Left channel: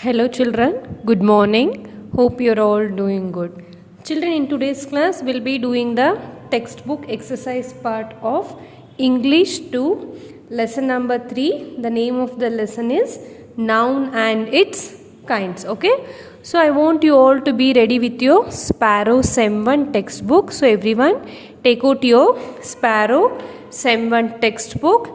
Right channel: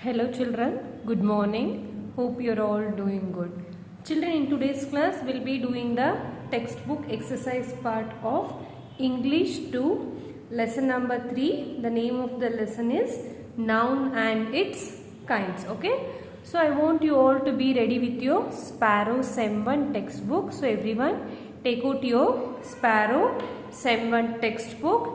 Hello children, good morning. Hope you're all doing good. Children, in today's class we'll be doing the textbook exercise part of English 2 lesson number 3. The name of the lesson is Noun and its Kinds. Okay, so I want you all to be ready with your Sparrow Sem 1 textbook. So everyone take out your Sparrow Sem 1 textbook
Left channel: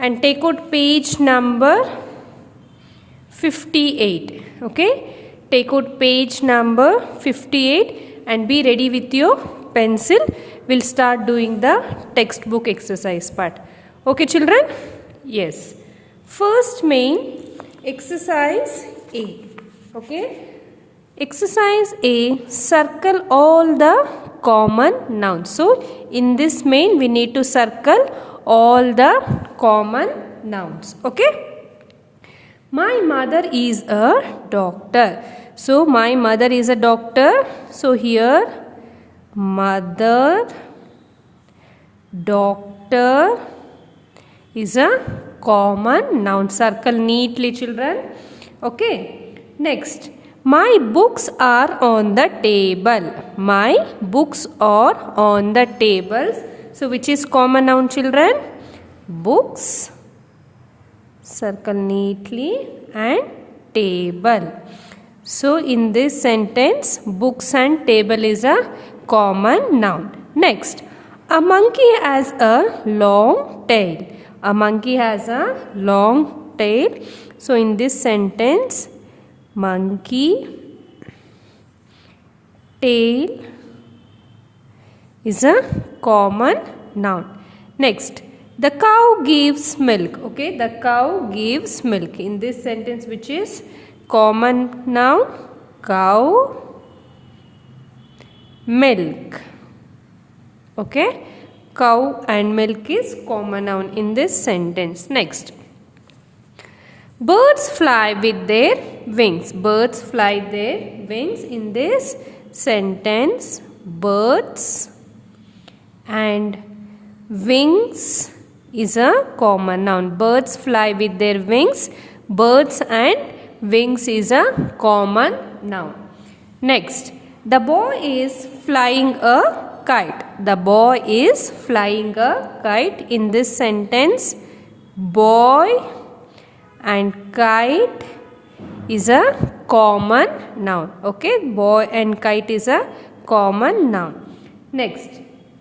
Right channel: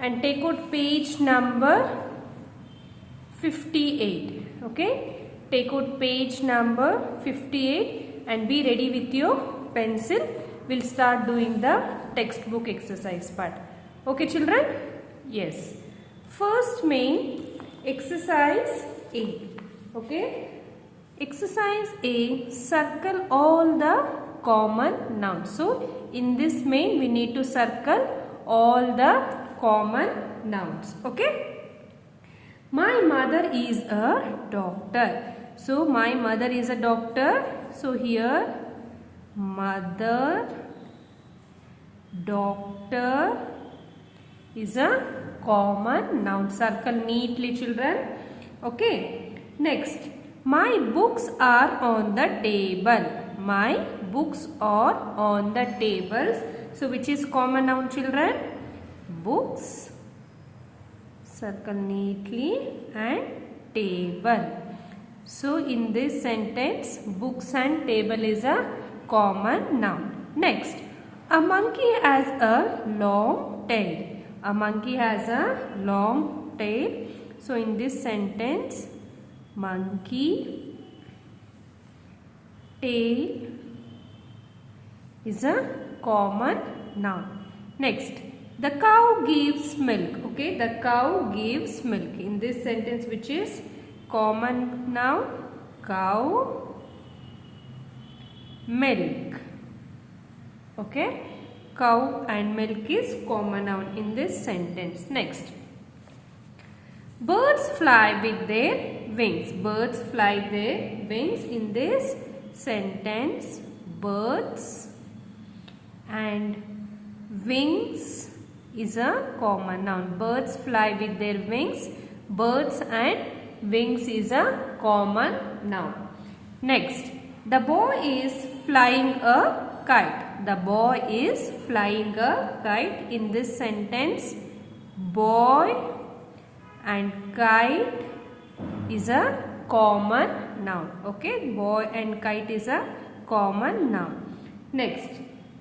and take out page number 58. Okay, take out page number 58 and be ready with your pencil. We'll start doing the textbook exercise part. Okay children, yes, first main exercise A. Okay, exercise A, circle all the common nouns. So in this main we need to circle all the common nouns. Okay, my mother is a doctor. So my mother is a doctor. So here mother, doctor is a common noun. Circle neatly children. Okay. Next, my books are on the table. My books are on the tables. So which is common noun children? Books. Circle neatly and table. So in this sentence, books and table is a common noun. Next, a monkey has a long tail. A monkey has a long tail. So in this sentence, monkey, tail is a common noun. Next, the cow gives milk. Okay, the cow gives milk. In this sentence, which is common noun, cow, milk. Okay, cow and milk is common noun in this sentence. Next, birds fly with their wings. Birds fly their wings. In this sentence, birds and wings is a common noun. Birds fly with their wings. Birds and wings is a common noun. Next, the boy is flying a kite. The boy is flying a kite. In this sentence, boy and kite is a common noun. Okay, boy and kite is a common noun. Next,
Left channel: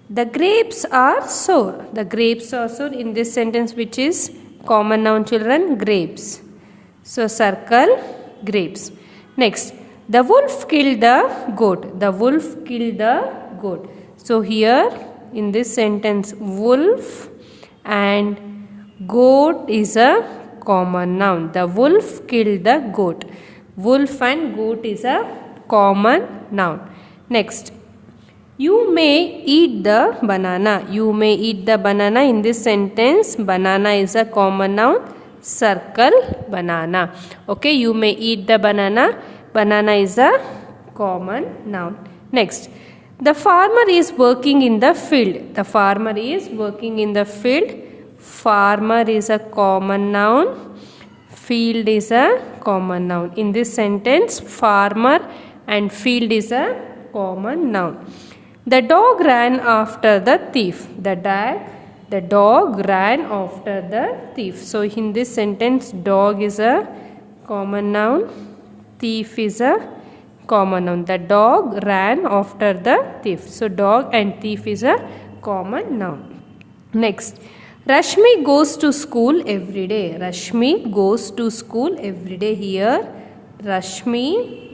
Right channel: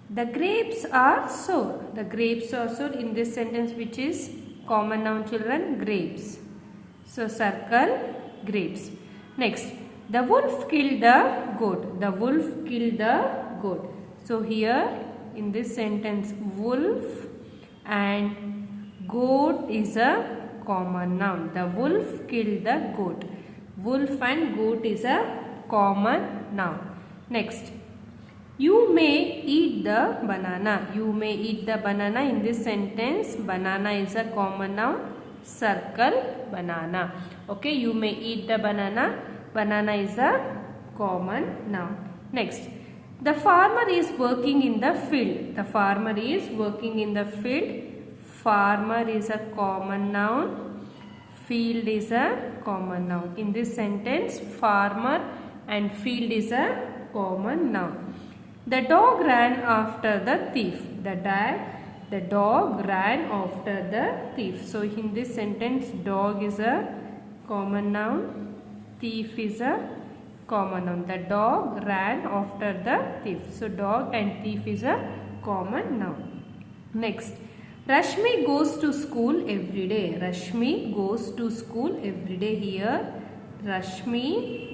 the grapes are sour. The grapes are sour. In this sentence, which is common noun children, grapes. So circle grapes. Next, the wolf killed the goat. The wolf killed the goat. So here in this sentence, wolf and goat is a common noun. The wolf killed the goat. Wolf and goat is a common noun. Next, you may eat the banana. You may eat the banana. In this sentence, banana is a common noun. Circle banana. Okay, you may eat the banana. Banana is a common noun. Next, the farmer is working in the field. The farmer is working in the field. Farmer is a common noun. Field is a common noun. In this sentence, farmer and field is a common noun. The dog ran after the thief. The dog ran after the thief. So in this sentence, dog is a common noun. Thief is a common noun. The dog ran after the thief. So dog and thief is a common noun. Next, Rashmi goes to school every day. Rashmi goes to school every day. Here, Rashmi.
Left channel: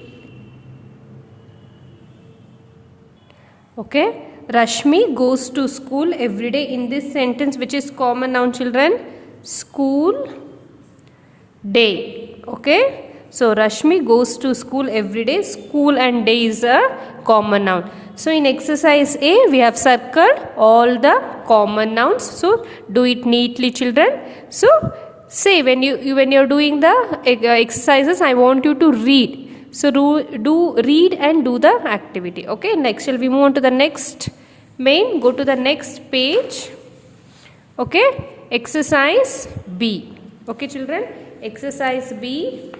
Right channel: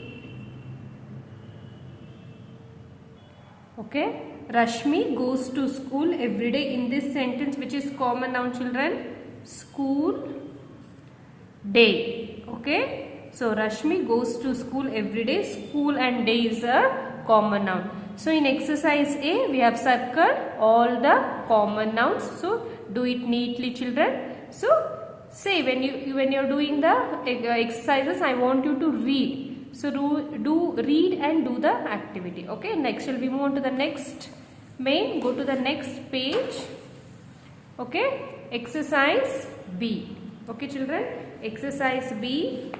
Okay, Rashmi goes to school every day. In this sentence, which is common noun children, school, day. Okay, so Rashmi goes to school every day. School and day is a common noun. So in exercise A, we have circled all the common nouns. So do it neatly children. So say when you're doing the exercises, I want you to read. So do read and do the activity. Okay, next shall we move on to the next main. Go to the next page. Okay, exercise B. Okay children, exercise B.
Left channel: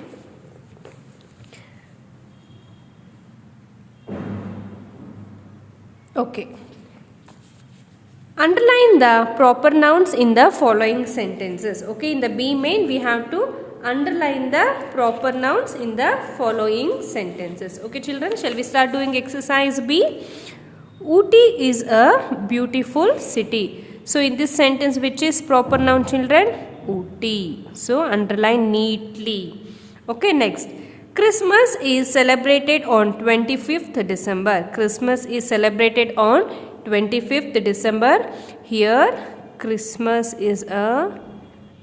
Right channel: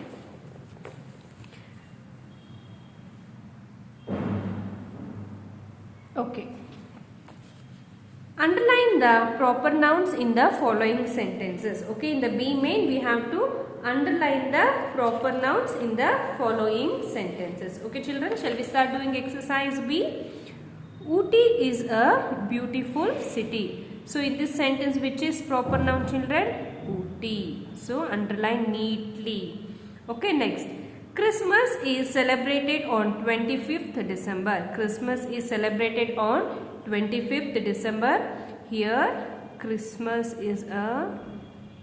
Okay. Underline the proper nouns in the following sentences. Okay, in the B main we have to underline the proper nouns in the following sentences. Okay children, shall we start doing exercise B? Ooty is a beautiful city. So in this sentence, which is proper noun children? Ooty. So underline neatly. Okay, next. Christmas is celebrated on 25th December. Christmas is celebrated on 25th December. Here Christmas is a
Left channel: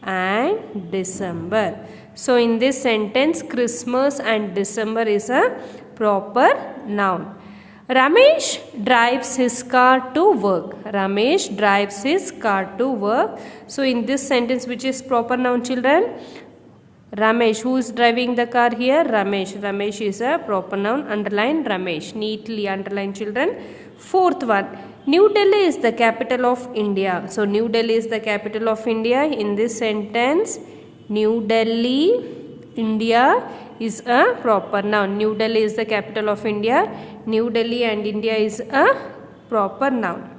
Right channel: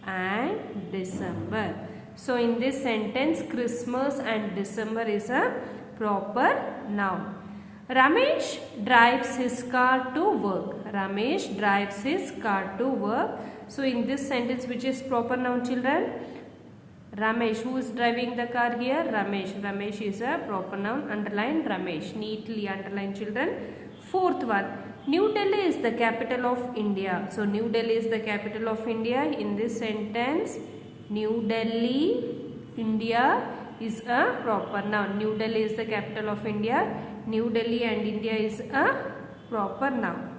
and December. So in this sentence, Christmas and December is a proper noun. Ramesh drives his car to work. Ramesh drives his car to work. So in this sentence, which is proper noun children? Ramesh. Who is driving the car here? Ramesh. Ramesh is a proper noun. Underline Ramesh. Neatly underline children. Fourth one. New Delhi is the capital of India. So New Delhi is the capital of India. In this sentence, New Delhi, India is a proper noun. New Delhi is the capital of India. New Delhi and India is a proper noun.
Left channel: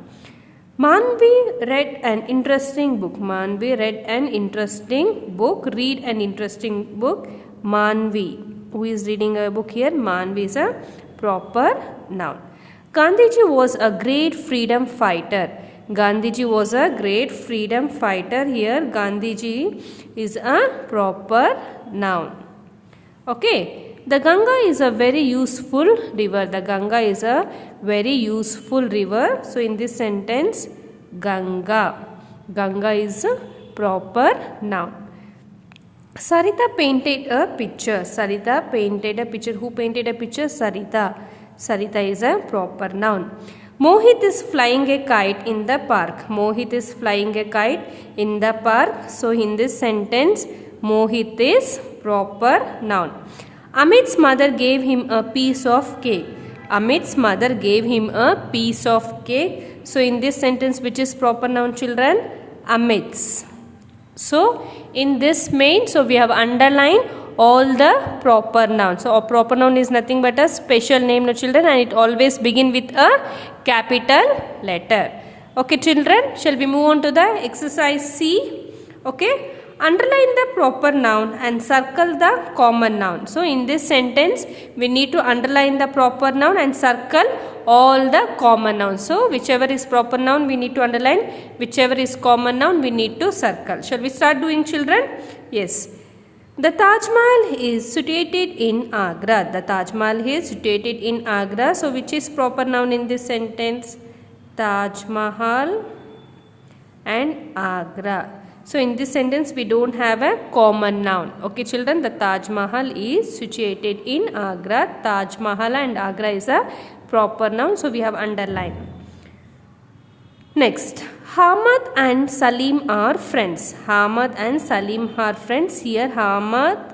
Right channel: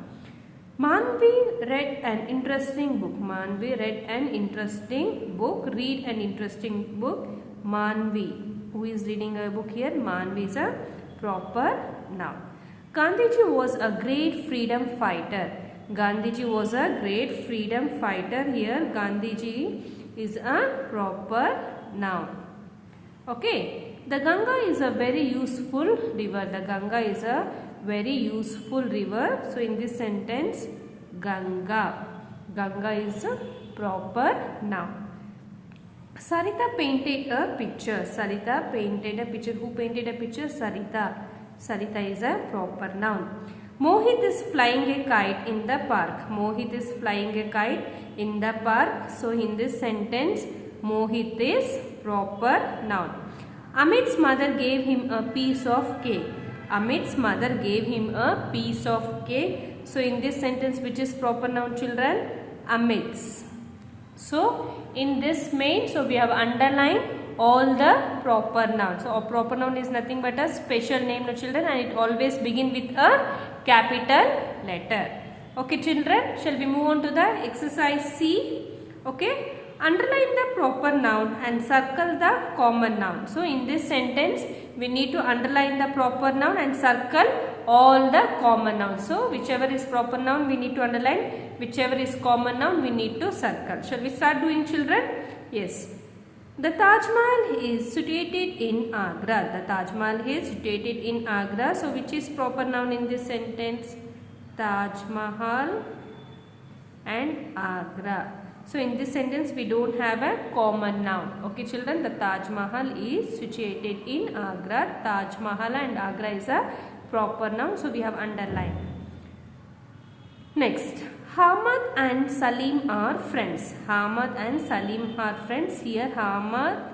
Manvi read an interesting book. Manvi read an interesting book. Read an interesting book. Manvi. Who is reading a book here? Manvi is a proper noun. Gandhiji was a great freedom fighter. Gandhiji was a great freedom fighter. Here Gandhiji is a proper noun. Okay. The Ganga is a very useful river. The Ganga is a very useful river. So in this sentence, Ganga. Ganga is a proper noun. Sarita painted a picture. Sarita painted a picture. Who painted a picture? Sarita. Sarita is a proper noun. Mohit is flying a kite in the park. Mohit is flying a kite in the park. So in this sentence, Mohit is proper noun. Amit's mother gave him a piece of cake. Amit's mother gave him a piece of cake. So in this sentence, which is proper noun children? Amit's. So in this main, so we have underlined all the proper nouns. So a proper noun is nothing but a special name, no children, and it always begin with a capital letter. Okay children, shall we move on to the exercise C? Okay. Underline the proper noun and circle the common noun. So in this sentence, we need to underline the proper noun and circle all the common nouns. So whichever is proper noun, we need to underline. Whichever is common noun, we need to circle. Shall we start doing children? Yes. The Taj Mahal is situated in Agra. The Taj Mahal is situated in Agra. So which is proper noun in this sentence? Taj Mahal and Agra. So in this sentence, we don't have a common noun. Okay children, the Taj Mahal is situated in Agra. Taj Mahal and Agra is a proper noun. So we have underlined. Next, Hamad and Salim are friends. Hamad and Salim are friends. Here Hamad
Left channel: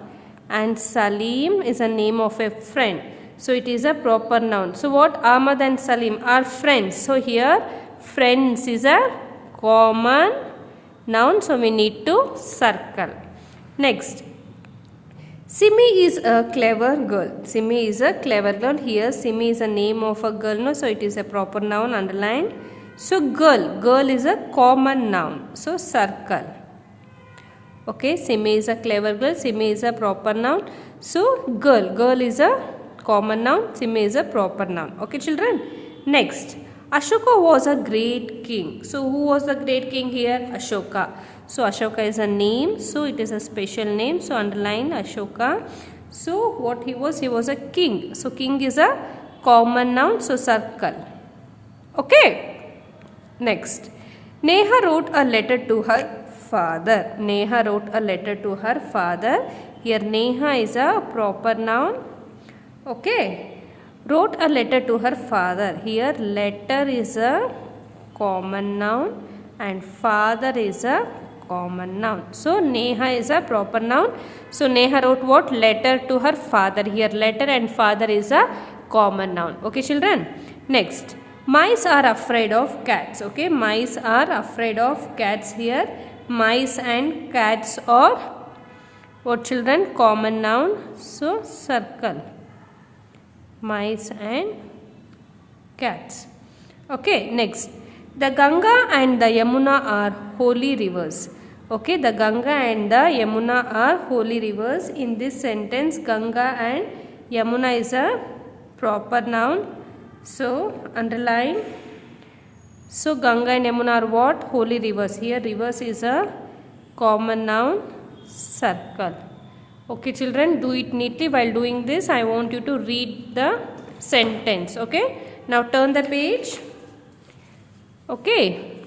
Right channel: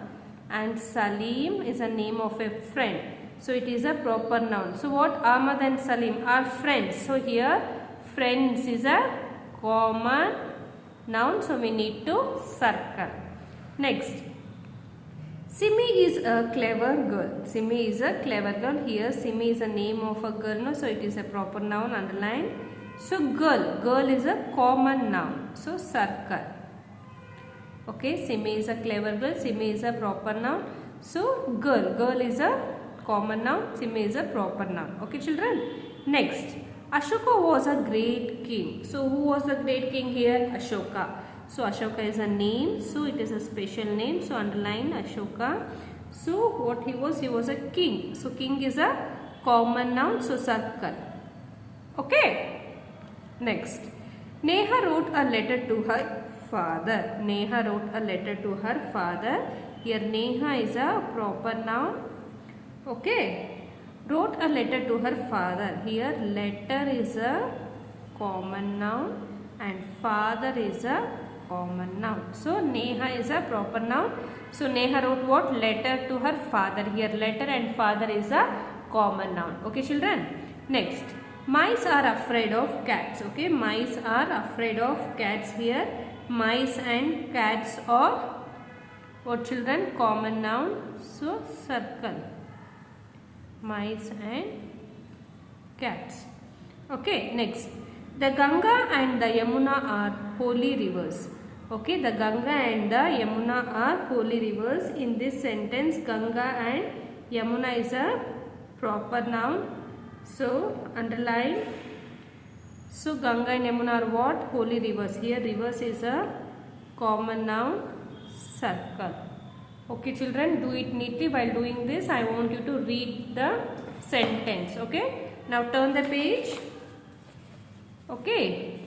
and Salim is a name of a friend. So it is a proper noun. So what? Ahmad and Salim are friends. So here friends is a common noun. So we need to circle. Next, Simi is a clever girl. Simi is a clever girl. Here Simi is a name of a girl. No, so it is a proper noun. Underline. So girl. Girl is a common noun. So circle. Okay. Simi is a clever girl. Simi is a proper noun. So girl. Girl is a common noun. Simi is a proper noun. Okay children. Next. Ashoka was a great king. So who was the great king here? Ashoka. So Ashoka is a name. So it is a special name. So underline Ashoka. So what he was? He was a king. So king is a common noun. So circle. Okay. Next. Neha wrote a letter to her father. Neha wrote a letter to her father. Here Neha is a proper noun. Okay. Wrote a letter to her father. Here letter is a common noun and father is a common noun. So Neha is a proper noun. So Neha wrote what? Letter to her father. Here letter and father is a common noun. Okay children. Next. Mice are afraid of cats. Okay. Mice are afraid of cats. Here mice and cats are what children? Common noun. So circle. Mice and cats. Okay, next. The Ganga and the Yamuna are holy rivers. Okay, the Ganga and the Yamuna are holy rivers. In this sentence, Ganga and Yamuna is a proper noun. So, underline. So, Ganga and Yamuna are what? Holy rivers. Here, rivers is a common noun. Circle. Okay, children, do it neatly. While doing this, I want you to read the sentence. Okay, now turn the page. Okay,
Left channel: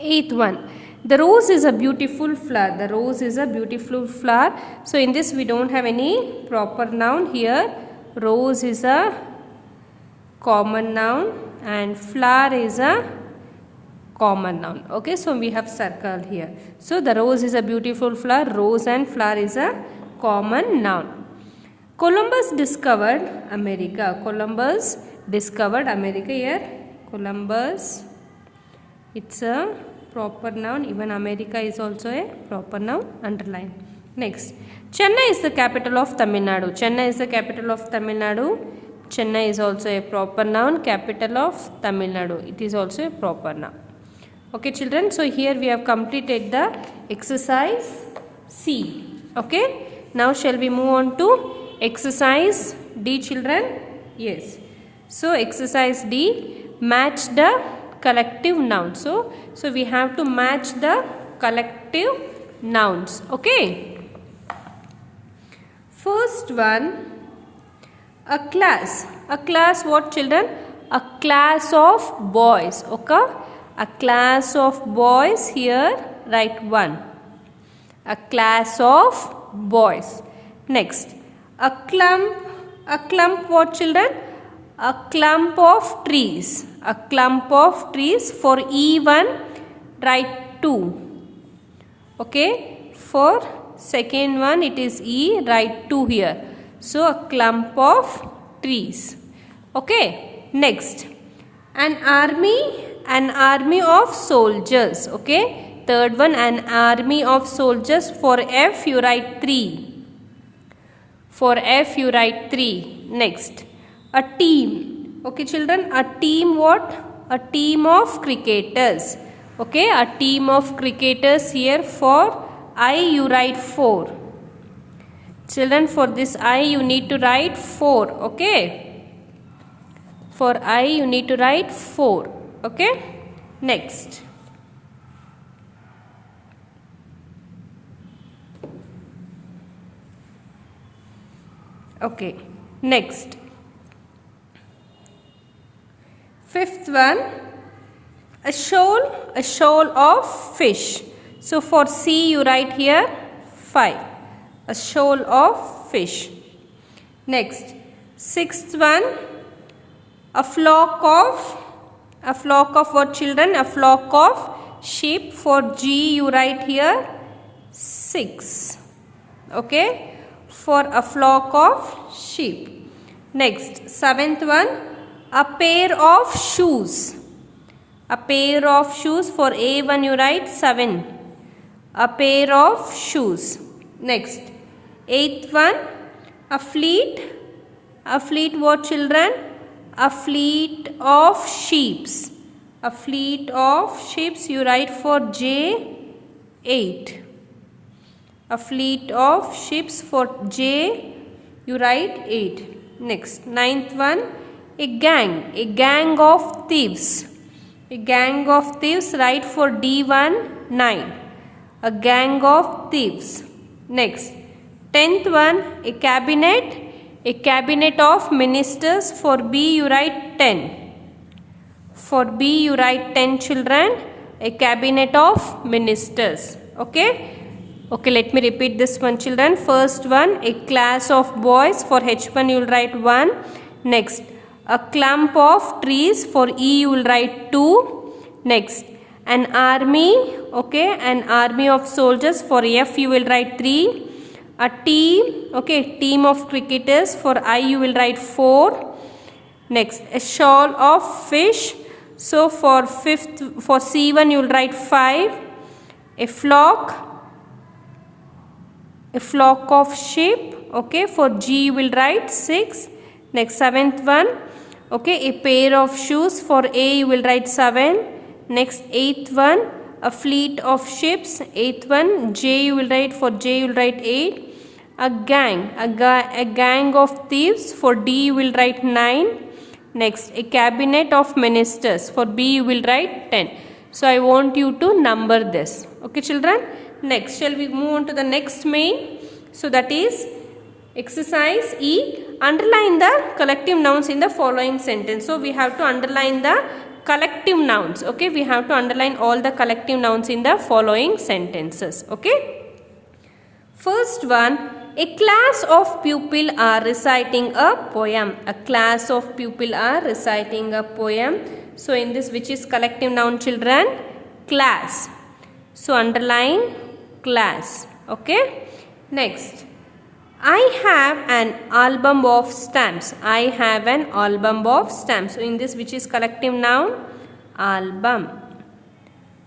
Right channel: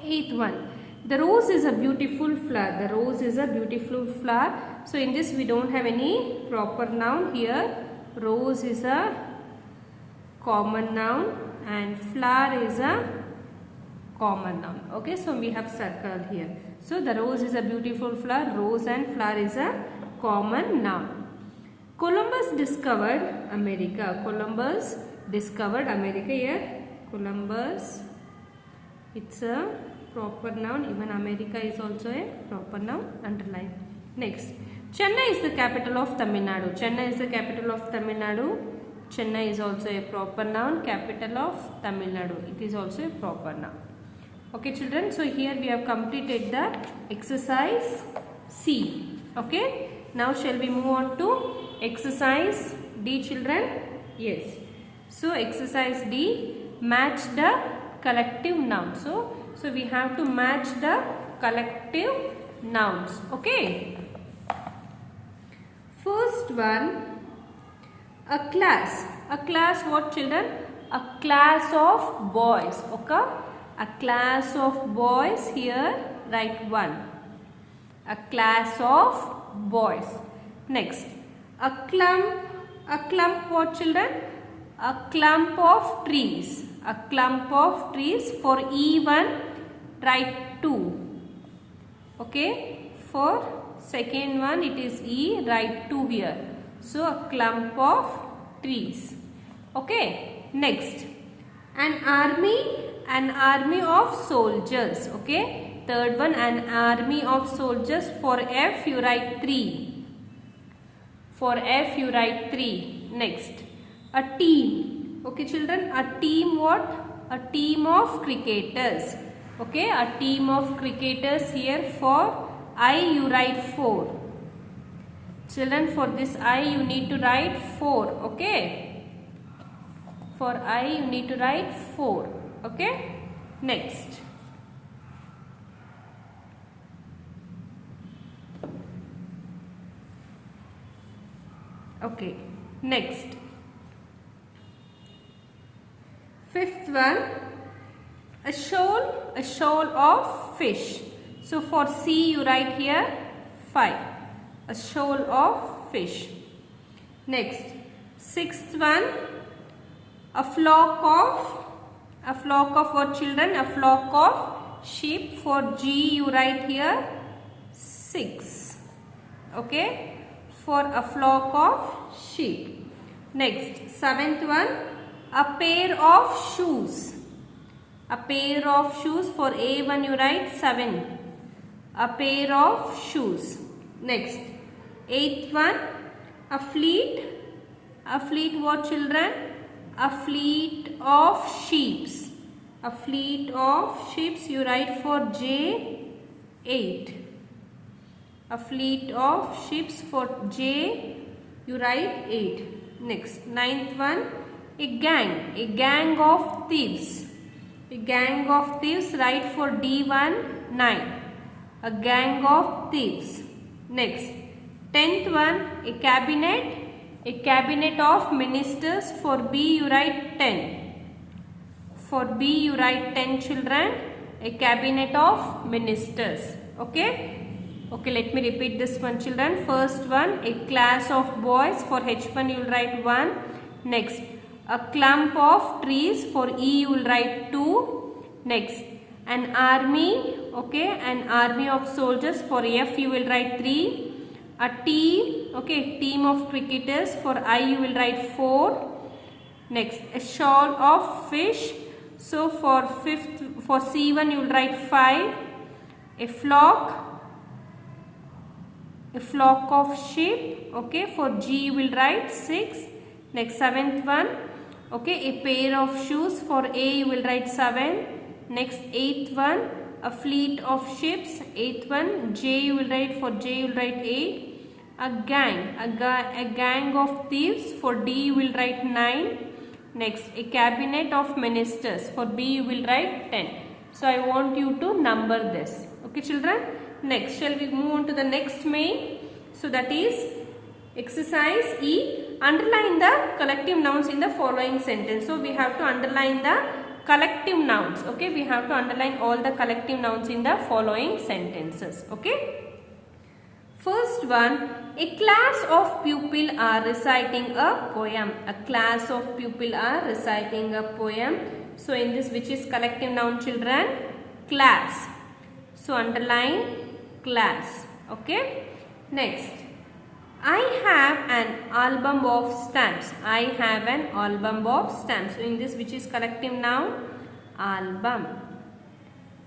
8th one. The rose is a beautiful flower. The rose is a beautiful flower. So in this we don't have any proper noun here. Rose is a common noun and flower is a common noun. Okay, so we have circled here. So the rose is a beautiful flower. Rose and flower is a common noun. Columbus discovered America. Columbus discovered America here. Columbus, it's a proper noun. Even America is also a proper noun. Underline. Next, Chennai is the capital of Tamil Nadu. Chennai is the capital of Tamil Nadu. Chennai is also a proper noun. Capital of Tamil Nadu. It is also a proper noun. Okay, children. So here we have completed the exercise C. Okay. Now shall we move on to exercise D, children? Yes. So exercise D. Match the collective nouns. So we have to match the collective nouns. Okay. First one, a class. A class what, children? A class of boys. Okay. A class of boys. Here write 1. A class of boys. Next, a clump. A clump what, children? A clump of trees. A clump of trees. For E1 write 2. Okay. For second one it is E, write 2 here. So a clump of trees. Okay. Next, an army of soldiers. Okay. Third one, an army of soldiers. For F you write 3. For F you write 3. Next, a team. Okay, children, a team what? A team of cricketers. Okay, a team of cricketers. Here for I you write 4. Children, for this I you need to write 4. Okay, for I you need to write 4. Okay, next. Okay, next. Fifth one, a shoal of fish. So for C you write here 5. A shoal of fish. Next, sixth one, a flock of what, children? A flock of sheep. For G you write here 6. Okay, for a flock of sheep. Next, seventh one, a pair of shoes. A pair of shoes. For A1 you write 7. A pair of shoes. Next, eighth one, a fleet. A fleet what, children? A fleet of sheeps. A fleet of sheeps you write for J8. A fleet of ships. For J you write 8. Next, ninth one, a gang of thieves. A gang of thieves, write for D1 9. A gang of thieves. Next, 10th one, a cabinet of ministers. For B you write 10. For B you write 10, children. A cabinet of ministers. Okay. Okay, let me repeat this one, children. First one, a class of boys. For H1 you will write 1. Next, a clump of trees. For E you will write 2. Next, an army. Okay, an army of soldiers. For F you will write 3. A team. Okay, team of cricketers. For I you will write 4. Next, a shoal of fish. So for C1 you will write 5. A flock of sheep. Okay, for G you will write 6. Next, seventh one, Okay, a pair of shoes. For A you will write 7. Next, 8th one, a fleet of ships. 8th one, J you will write, for J you will write 8. A gang of thieves. For D you will write 9. Next, a cabinet of ministers. For B you will write 10. So I want you to number this. Okay children. Next, shall we move on to the next main? So that is exercise E. Underline the collective nouns in the following sentence. So we have to underline the collective nouns. Okay, we have to underline all the collective nouns in the following sentences. Okay. First one, a class of pupil are reciting a poem. A class of pupil are reciting a poem. So in this, which is collective noun children? Class. So underline class. Okay. Next, I have an album of stamps. I have an album of stamps. So in this, which is collective noun? Album.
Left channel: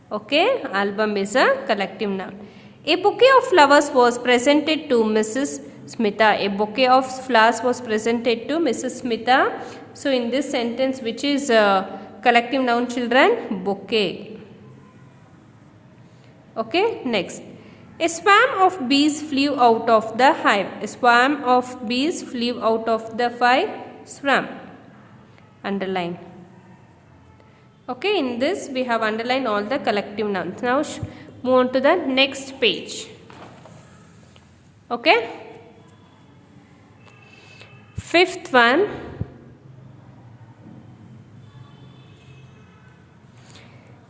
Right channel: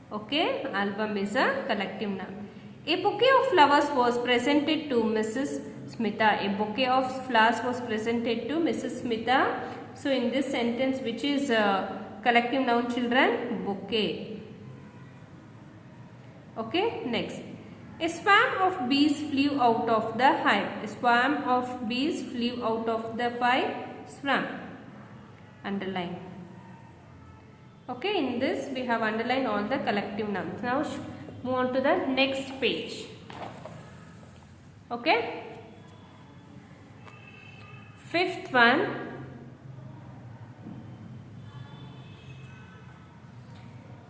Okay. Album is a collective noun. A bouquet of flowers was presented to Mrs. Smitha. A bouquet of flowers was presented to Mrs. Smitha. So in this sentence, which is collective noun children? Bouquet. Okay. Next. A swarm of bees flew out of the hive. A swarm of bees flew out of the swarm. Underline. Okay. In this, we have underlined all the collective nouns. Now move on to the next page. Okay. Fifth one.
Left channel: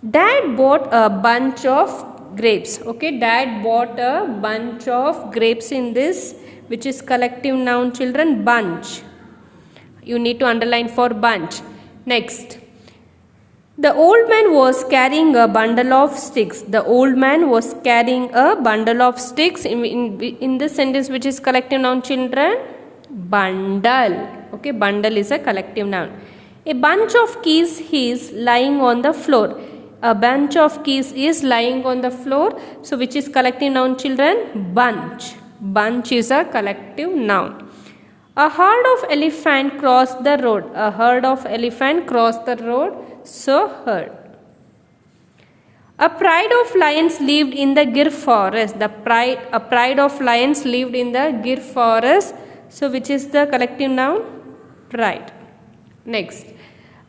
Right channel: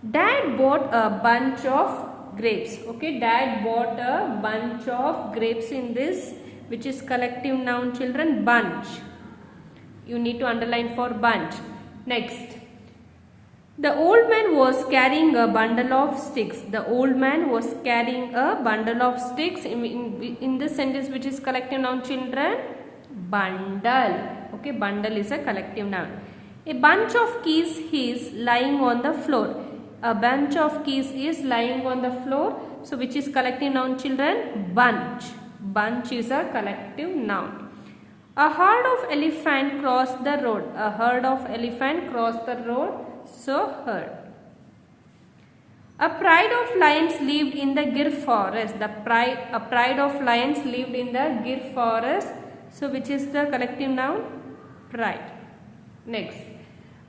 Dad bought a bunch of grapes. Okay, Dad bought a bunch of grapes in this, which is collective noun children, bunch. You need to underline for bunch. Next. The old man was carrying a bundle of sticks. The old man was carrying a bundle of sticks. In this sentence, which is collective noun children, bundle. Okay, bundle is a collective noun. A bunch of keys is lying on the floor. A bunch of keys is lying on the floor. So which is collective noun children, bunch. Bunch is a collective noun. A herd of elephant crossed the road. A herd of elephant crossed the road. So herd. A pride of lions lived in the Gir forest. A pride of lions lived in the Gir forest. So which is the collective noun? Pride. Next.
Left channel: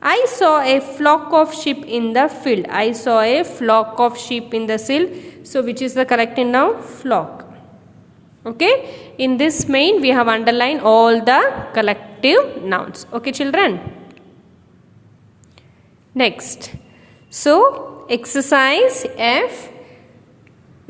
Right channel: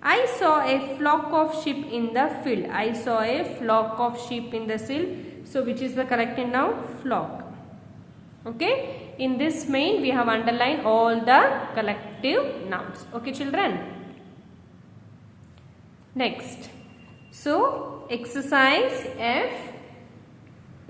I saw a flock of sheep in the field. I saw a flock of sheep in the field. So which is the collective noun? Flock. Okay. In this main, we have underlined all the collective nouns. Okay children. Next. So exercise F.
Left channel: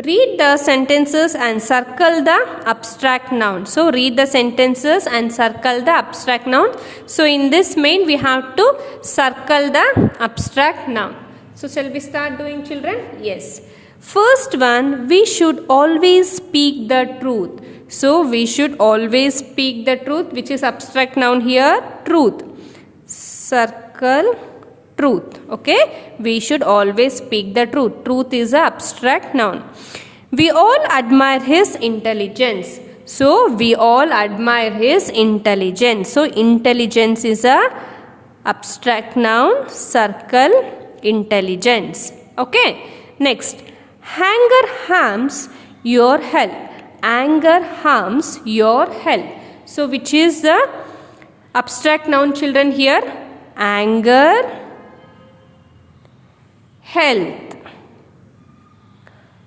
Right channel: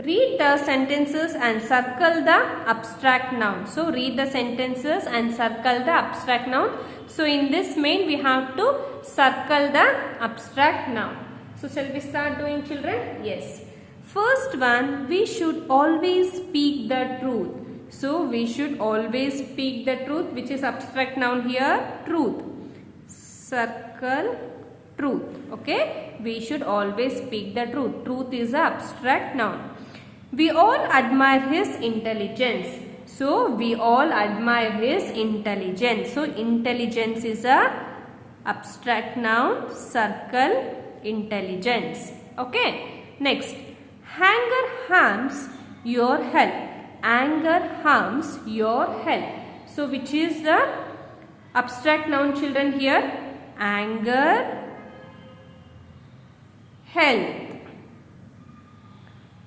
Read the sentences and circle the abstract noun. So read the sentences and circle the abstract noun. So in this main, we have to circle the abstract noun. So shall we start doing children? Yes. First one, we should always speak the truth. So we should always speak the truth, which is abstract noun here, truth. Circle truth. Okay, we should always speak the truth. Truth is an abstract noun. We all admire his intelligence. So we all admire his intelligence. So intelligence is a abstract noun. Circle intelligence. Okay. Next, anger harms your health. Anger harms your health. So which is the abstract noun children here? Anger, health.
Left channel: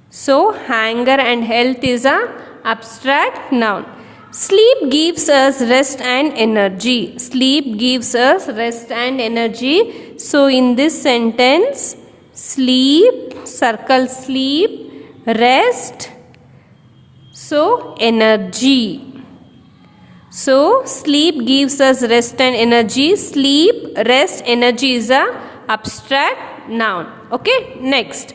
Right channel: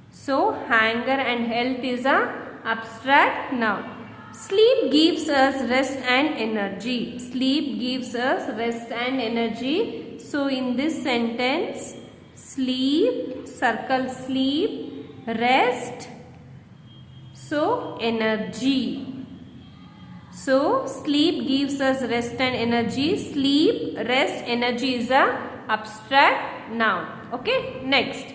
So anger and health is a abstract noun. Sleep gives us rest and energy. Sleep gives us rest and energy. So in this sentence, sleep, circle sleep, rest, so energy. So sleep gives us rest and energy. Sleep, rest, energy is a abstract noun. Okay, next.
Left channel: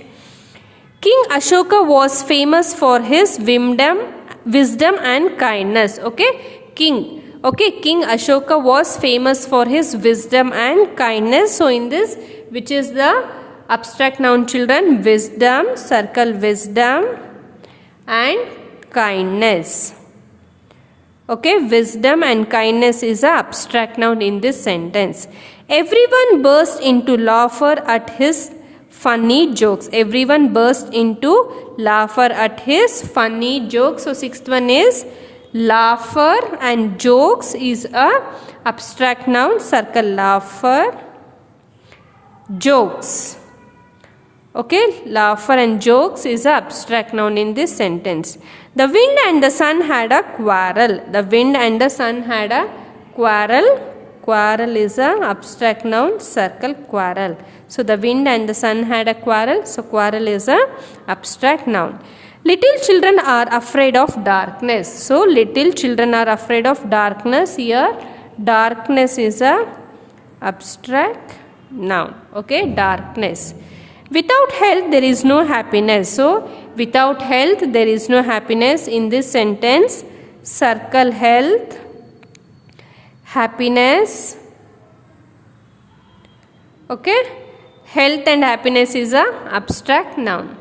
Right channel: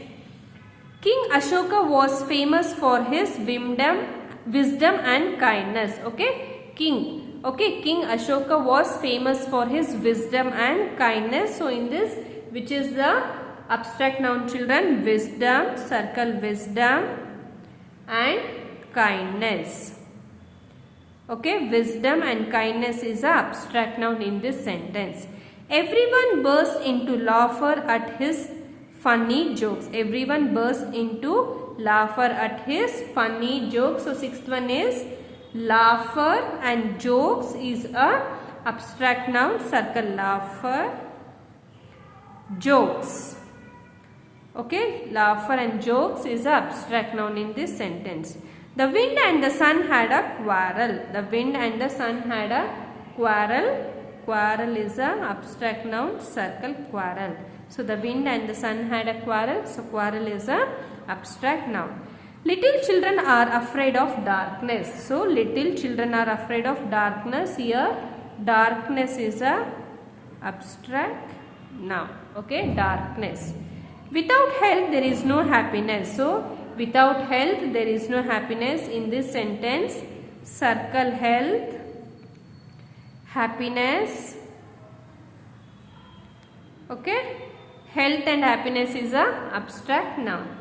King Ashoka was famous for his wisdom and kindness. Okay, King Ashoka was famous for his wisdom and kindness. So in this, which is the abstract noun children, wisdom, circle wisdom and kindness. Okay, wisdom and kindness is a abstract noun in this sentence. Everyone burst into laughter at his funny jokes. Everyone burst into laughter at his funny jokes. So sixth one is laughter and jokes is a abstract noun. Circle laughter, jokes. Okay, laughter and jokes is a abstract noun in this sentence. The wind and the sun had a quarrel. The wind and the sun had a quarrel. Quarrel is a abstract noun. Circle quarrel. So the wind and the sun had a quarrel. So quarrel is a abstract noun. Little children are afraid of darkness. So little children are afraid of darkness. Here darkness is a abstract noun. Okay, darkness. Without health there is no happiness. So without health there is no happiness in this sentence. Circle health, happiness. Okay, health and happiness is a abstract noun.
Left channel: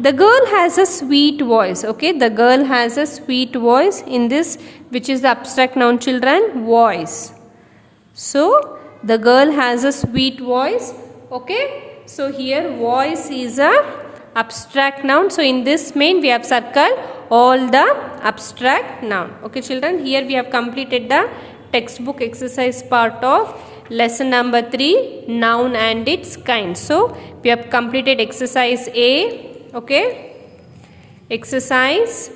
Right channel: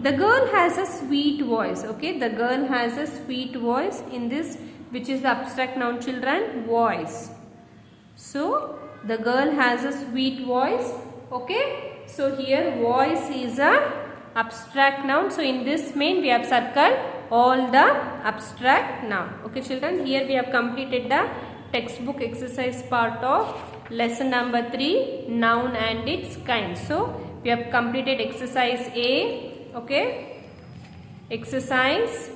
The girl has a sweet voice. Okay, the girl has a sweet voice in this, which is the abstract noun, children, voice. So the girl has a sweet voice. Okay, so here voice is a abstract noun. So in this main we have circled all the abstract noun. Okay children, here we have completed the textbook exercise part of lesson number 3, noun and its kind. So we have completed exercise A, okay, exercise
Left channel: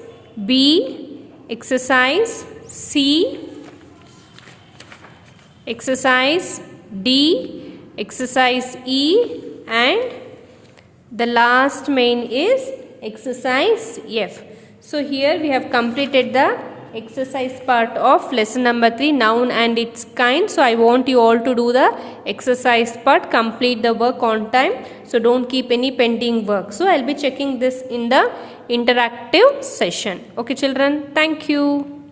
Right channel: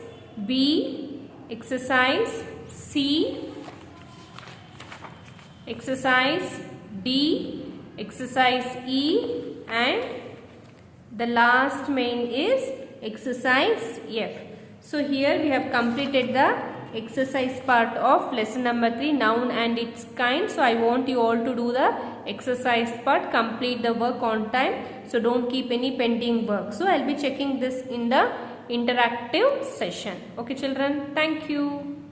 B, exercise C, exercise D, exercise E, and the last main is exercise F. So here we have completed the exercise part of lesson number 3, noun and its kind. So I want you all to do the exercise part, complete the work on time. So don't keep any pending work. So I'll be checking this in the interactive session. Okay children, thank you.